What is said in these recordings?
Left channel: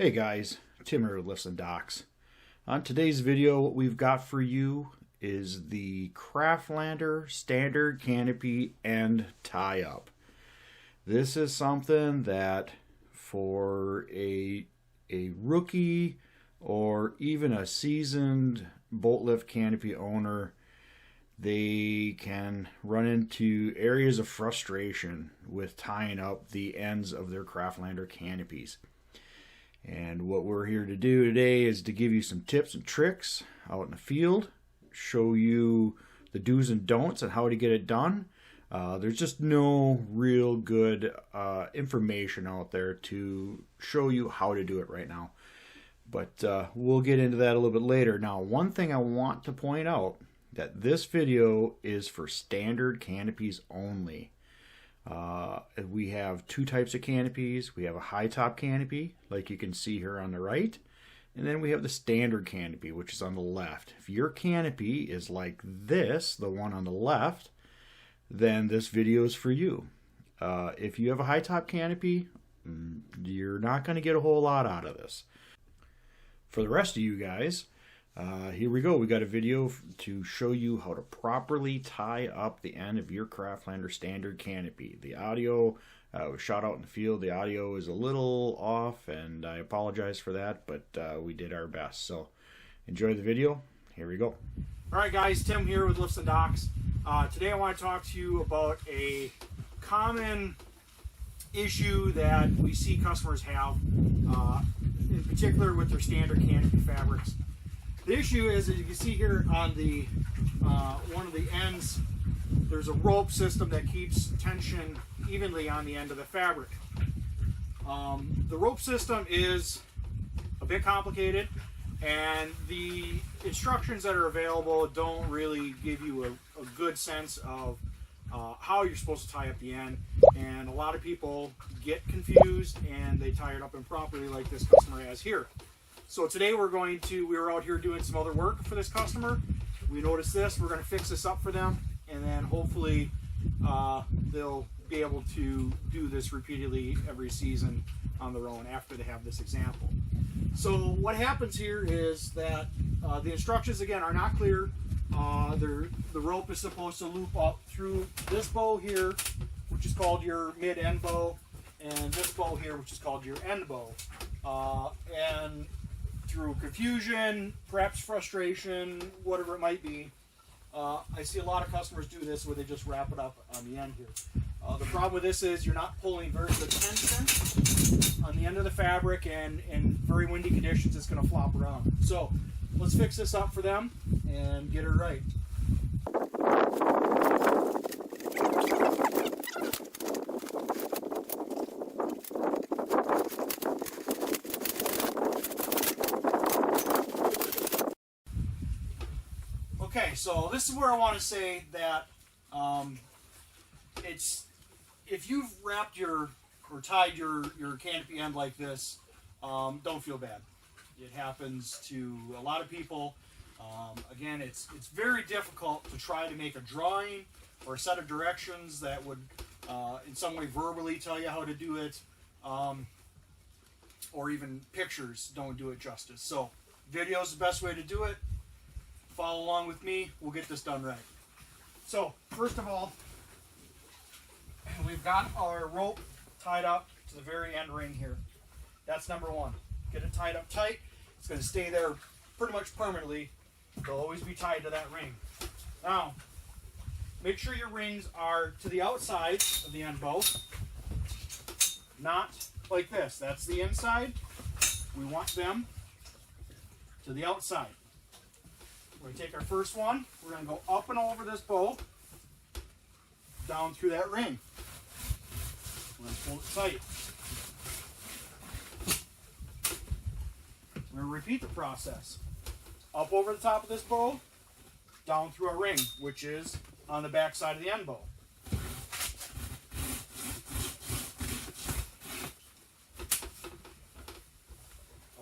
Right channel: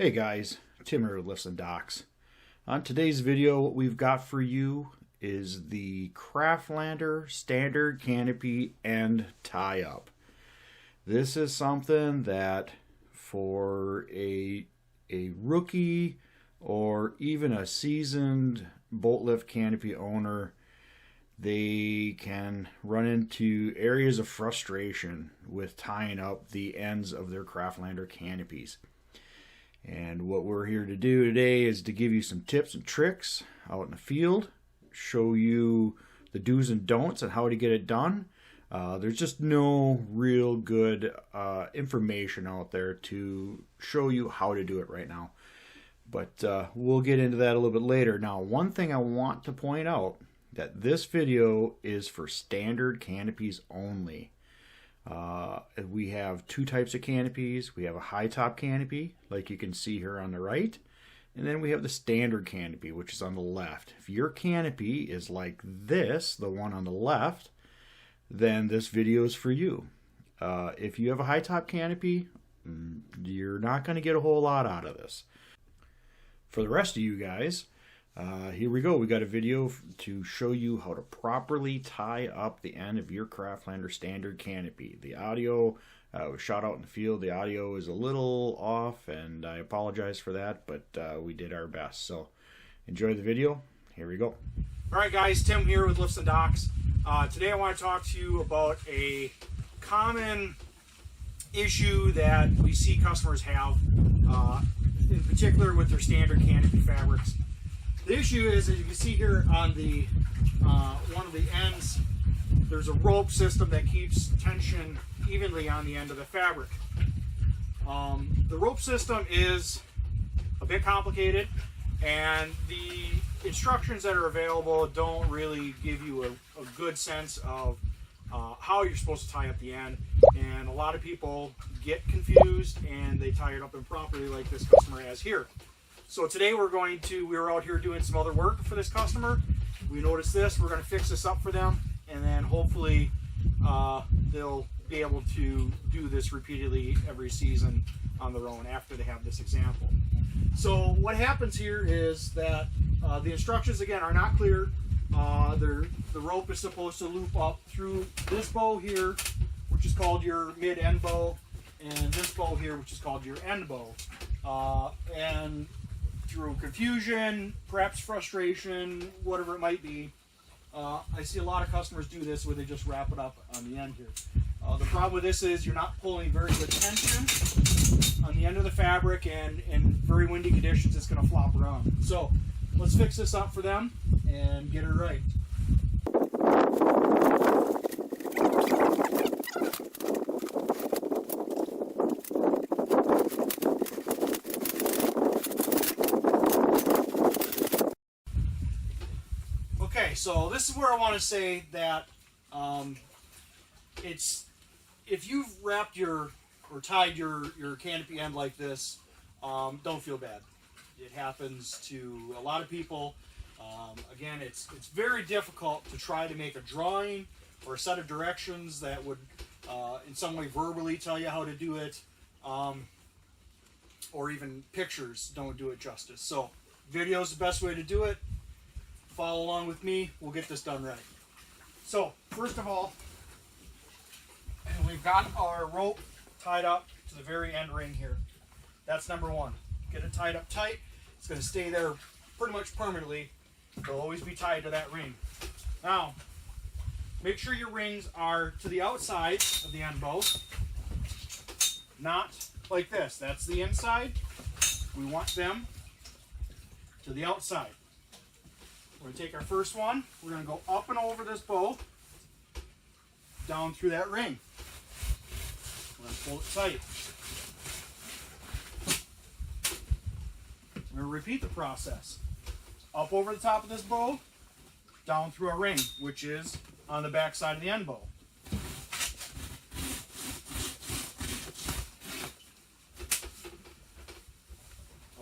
Hey guys, Tim here with Lifts and Docks. On today's video, what we've got for you is the Craftlander standard canopy end tie-up. This is something that for a rookie or even a seasoned boat lift canopy owner, they can run into areas of frustration with tying up the ends of their Craftlander canopies. And what we're here to do today is to give you some tips and tricks out in the field, show you the do's and don'ts and how to get it done. There's just no real good information out there to show you how to do it right now. But we'll get into that a little bit later. Now, one thing I want to point out, that this video is for standard canopies only. We have two types of canopies. We have a high top canopy, like you can see here on the right, and then we have the standard canopy, which is on the left. If your canopy is like this, the one on the left, then this video is for you. If you have a high top canopy, you're not going to get a whole lot out of this. For the rest of you guys, here we go. We got a video to show you how to properly tie up the end of your Craftlander standard canopy. The audio was shot out in the field. The audio is a little off, and I apologize for that, but we did our best. So enjoy the video. Here we go. All right, guys, Tim here with Lifts and Docks. Today I want to talk to you about a common issue that we see customers have, in particular with their standard canopy fabrics. The issue is, as you can see here on the one of the ends, there's a rope system that keeps tension evenly on the end of the fabric. The rope system is a bit complicated, and the instructions that are available don't really give you a good sense of how you're supposed to tie up the end, and a lot of people get confused and they tie it up improperly, like this customer has here. So today we were out here doing some other work for this customer. We noticed this, we're going to fix this up for them, and then hopefully they'll be able to do this repeatedly every season on their own after they have this example. So what happens here is that the instructions, again, are not clear. The rope is supposed to loop up through this bow here, which is called your mid-end bow, and this bow here, which is called your end bow. And through confusion, perhaps frustration, whatever it might be, I see a lot of customers do this where they just wrap it up on the end here. The problem with this is you're not pulling very good tension on the end of the fabric, and in very windy conditions it's going to flop around. So let's fix this up for them and get it right. Okay, so this is where I want to say that if you've wrapped or tied your canopy end like this, don't feel bad. It happens to a lot of people. Again, it's very difficult to try to make a drawing or a set of directions that would in some way verbally tell you how to do it, or even pictures don't do it justice. So video is the best way to do it. Follow along with me, we'll get this done right. So first of all, we've got our rope tied up to the very end ring here. That's number one. Get it tied up tight. It's going to stay there pretty much permanently. It'll always be tied to that ring. Now, make sure your rings are to the outside of the end bow, not like this. That's the inside. We want them to the outside. We're going to take our first one, we're going to go up and over this bow, down through that ring. We're going to pull it tight. We're going to repeat the process. Up over the top of this bow, down through our ring, which is on the back side of the end bow.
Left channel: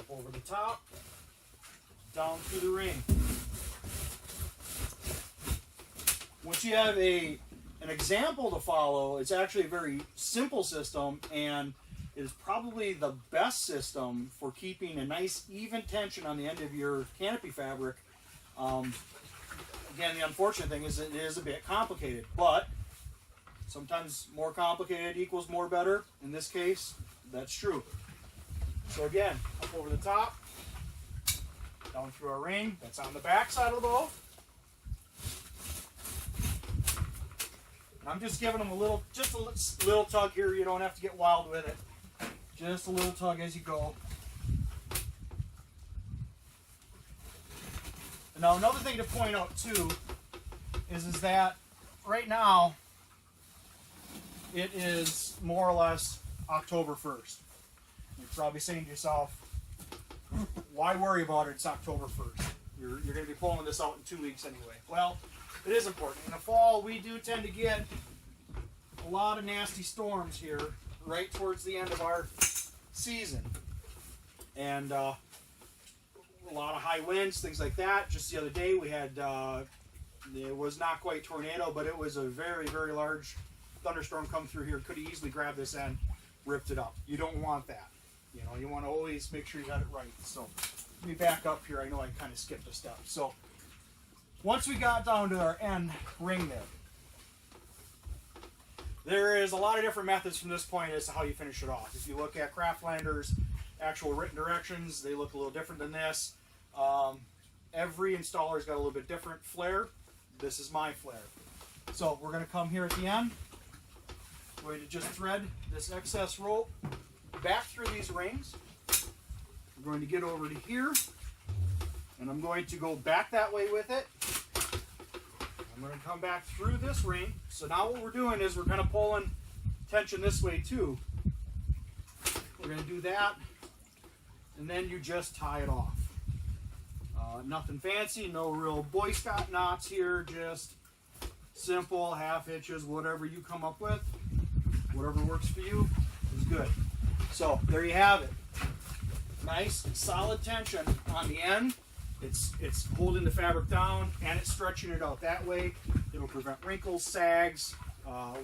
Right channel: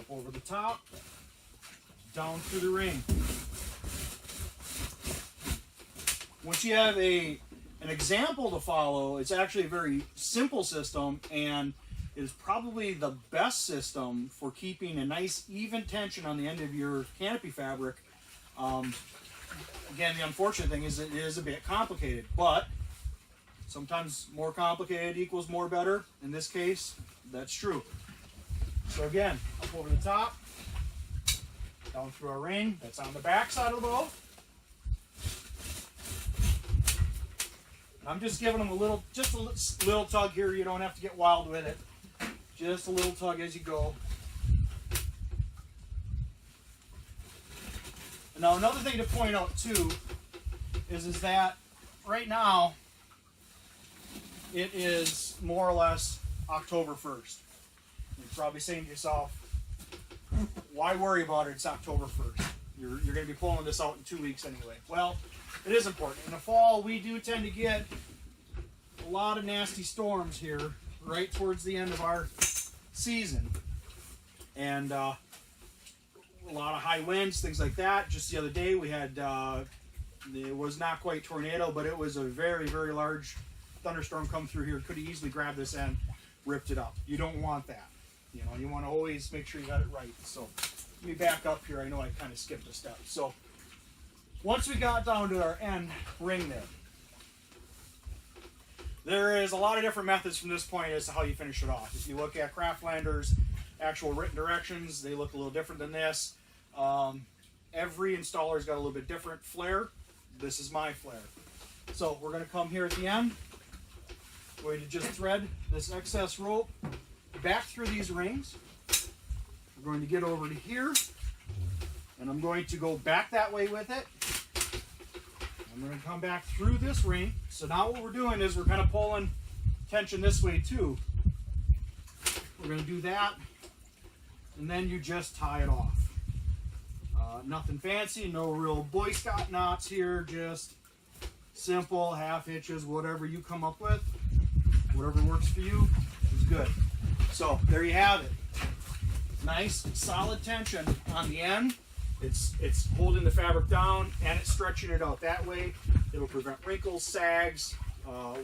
Up over the top, down through the ring. Once you have an example to follow, it's actually a very simple system, and is probably the best system for keeping a nice even tension on the end of your canopy fabric. Again, the unfortunate thing is it is a bit complicated, but sometimes more complicated equals more better. In this case, that's true. So again, up over the top, down through our ring. That's on the back side of the bow. I'm just giving them just a little tug here. You don't have to get wild with it. Just a little tug as you go. Now another thing to point out too is that right now it is more or less October 1st. You're probably saying to yourself, why worry about it? It's October 1st. You're going to be pulling this out in 2 weeks anyway. Well, it is important. In the fall, we do tend to get a lot of nasty storms here right towards the end of our season. And a lot of high winds, things like that. Just the other day we had, it was not quite tornado, but it was a very, very large thunderstorm come through here. Could have easily grabbed this end, ripped it up. You don't want that. You know, you want to always make sure you got it right. So let me back up here. I know I kind of skipped a step. So once we got down to our end ring there is a lot of different methods from this point as to how you finish it off. If you look at Craftlander's actual written directions, they look a little different than this. Every installer's got a little bit different flair. This is my flair. So we're going to come here at the end. We're going to just thread this excess rope back through these rings. We're going to get over to here, and I'm going to go back that way with it. I'm going to come back through this ring. So now what we're doing is we're kind of pulling tension this way too. We're going to do that, and then you just tie it off. Nothing fancy, no real Boy Scout knots here, just simple half hitches, whatever you come up with, whatever works for you is good. So there you have it. Nice solid tension on the end. It's holding the fabric down and it's stretching it out. That way it'll prevent wrinkles, sags,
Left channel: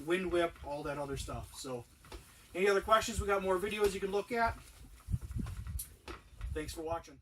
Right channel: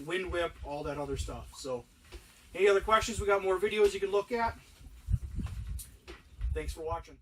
wind whip, all that other stuff. So any other questions? We got more videos you can look at. Thanks for watching.